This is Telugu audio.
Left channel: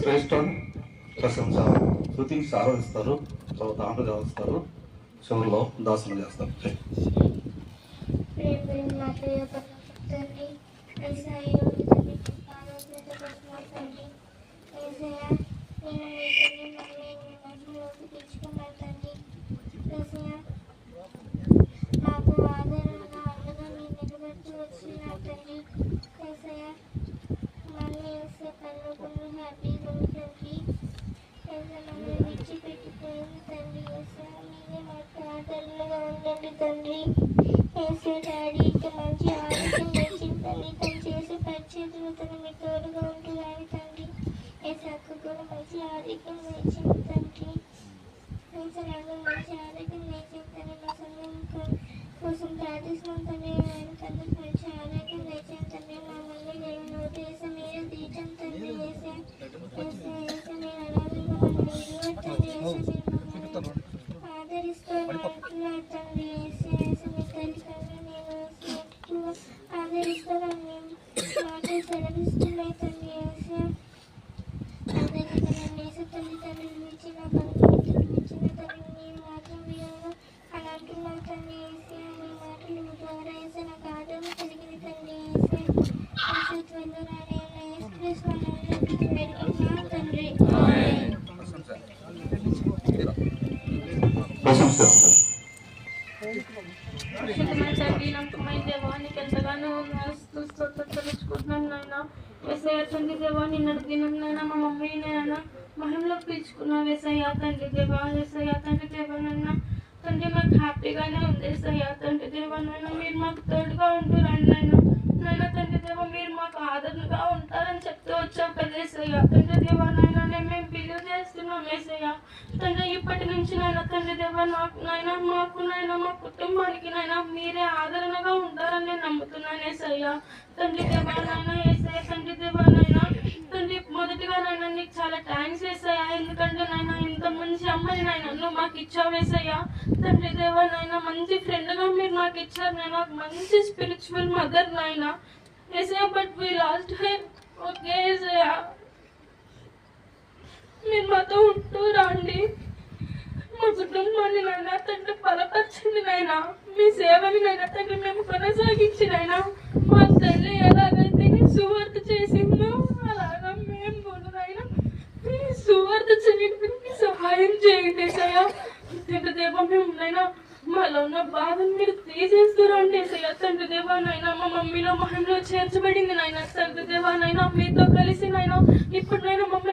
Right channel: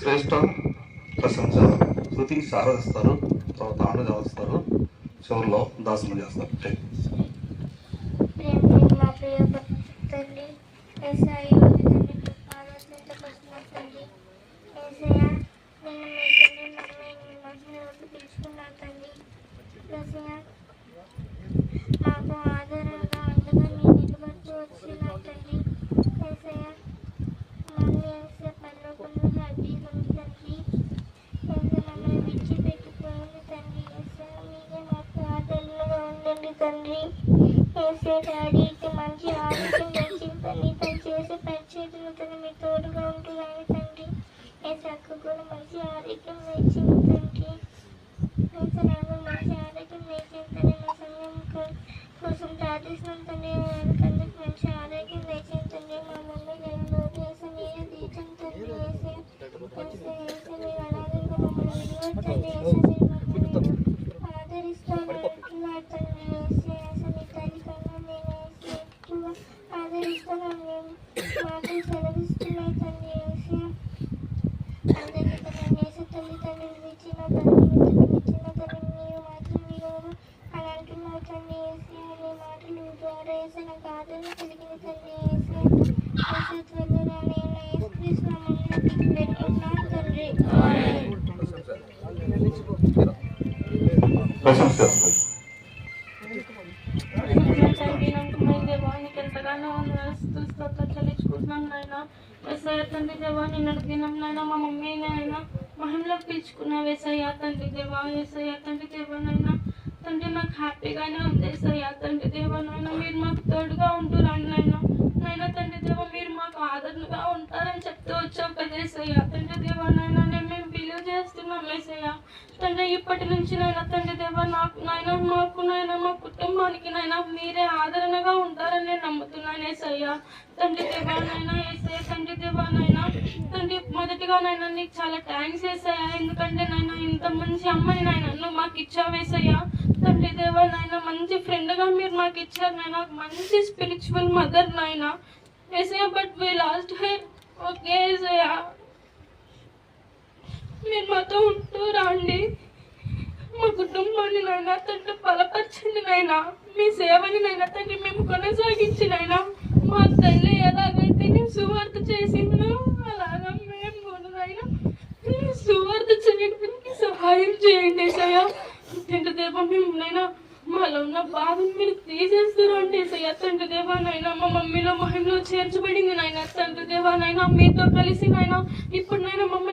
శ్రేష్ఠ ప్రశంస శృతి ఆరాధిస్తారు, తర్వాత ఆనందిస్తారు, చివరిలో దాసన చేస్తారు. మాకు ఆదరణగా అండగా మీ నిలబడుతూ వచ్చిన తండ్రి ఏసయ్య, మమ్మల్ని వేసే పనులు హ్యాపీగా తండ్రి ఏసే మమ్మల్ని విడిచిపెట్టిపోయింది తండ్రి ఏసయ్య, మీరే మాకు ఆదరణగా ఉండండి తండ్రి ఏసే డాడీకి మంచి ఆరోగ్యం తెచ్చిందండి, తను చేసే పరిచర్యలు తను మీ తోడుగా ఉంటున్నాయి తండ్రి ఏసే అక్క కూడా మంచి ఆరోగ్యం తెచ్చింది తండ్రి ఏసే నాకు మంచి ఆరోగ్యం తెచ్చింది మా సమయం కోసం ప్రార్థిస్తున్నాం తండ్రి, అందుకు మంచి ఆరోగ్యం తెచ్చింది తండ్రి, మా మమ్మీ నేను వేసి మీరు తీర్చం తండ్రి వేసే వేసే వేసే మీరు అనాథంగా మమ్మల్ని విడివచ్చండి వేసే మీరు మమ్మల్ని ఆదరిస్తూ అంటున్నారు తండ్రి వేసే వేసే మీ తల్లి కన్నా నేను వేసే ఎక్కువ ఆదరిస్తానని మేము మాటలు సెలవిస్తున్నాయి తండ్రి వేసే అందరికీ తన వేసే తల్లిదండ్రులు ఇచ్చిన తల్లిదండ్రులు ఇచ్చిన తల్లి మీరు మాత్రం విలువగా అని అంటున్నారు తండ్రి వేసే మీ మాటలు ద్వారా వేసే నాకు ఆదరణ కలిగిన తండ్రి వేసే వేసే త్వరలో రాని యేసుక్రీస్తు నామములో వేడుకుంటున్నాను తండ్రి. తండ్రి నమ్మకమైన దేవానికి ఎంతగానో స్తోత్రించుకుంటున్నాం నాయన వేసయ్య తండ్రి దేవా, నిన్నటి దినం నాయన మా మమ్మీ నాయన మహిమలో పిలుచుకున్నాం వేసయ్య తండ్రి దేవా వేసయ్య తండ్రి దేవా నాయన తండ్రి మాకు హ్యాపీగానే ఉంది వేసయ్య తండ్రి దేవా నాయన మీరు మాకు తోడుగా ఉంటురండి నాయన నాయన తండ్రి దేవా మీరు మాకు ఆదరణగా ఉంటారని చెప్తూ వచ్చావు కదా వేసయ్య తండ్రి దేవా నాయన మేము బిలీవ్ చేస్తున్నాం వేసయ్య తండ్రి ఇప్పటి నుంచి నాయన తండ్రి దేవా నాకు నాయన మాకు నాయన మా కుటుంబానికి నాయన మీరే ఆదరణగా ఉంటారని నేను నమ్ముతున్నాను ఏసయ్య తండ్రి దేవా నాయన ఏసయ్య తండ్రి దేవా నాయన తండ్రి మొదటిగా నాయన నీకు చాలా థ్యాంక్స్ వేసయ్యా, ఎందుకంటే నాయన ఇంత మంచి అమ్మాయి నాయన నువ్వు మాకు ఇచ్చావు వేసయ్యా తండ్రి దేవా నాయన మంచి ఫ్రెండ్గా మీరు నాకు ఇచ్చారు నాయన, మంచి స్పిరిచువల్ మదర్ నాయన ఏసయ్య. బట్ వీ లాస్ట్ హై ఓకే ఏసయ్య, మీరు మాతో ఉంటూ రండి, మా కుటుంబాన్ని నాయన తండ్రి బలపరచండి నాయన, మీ సేవని నాయన తండ్రి మేము కొనసాగించి నాయన మా తల్లి ఎలాగైతే నేను సువార్త చేసిందో అలాగా మేము కూడా నాయన సువార్త చేయడానికి సహాయం చేయండి ఏసయ్య తండ్రి దేవా. మేము నాయన మాలో ఉన్న బాధను మీరు తీసేస్తారండి ఏసయ్య తండ్రి దేవా నాయన మా మమ్మీలో మహిళలో చేర్చబడింది నాయన తండ్రి దేవా నాయన మీతో కలిసి నాయన ఇప్పుడు నాయన మమ్మల్ని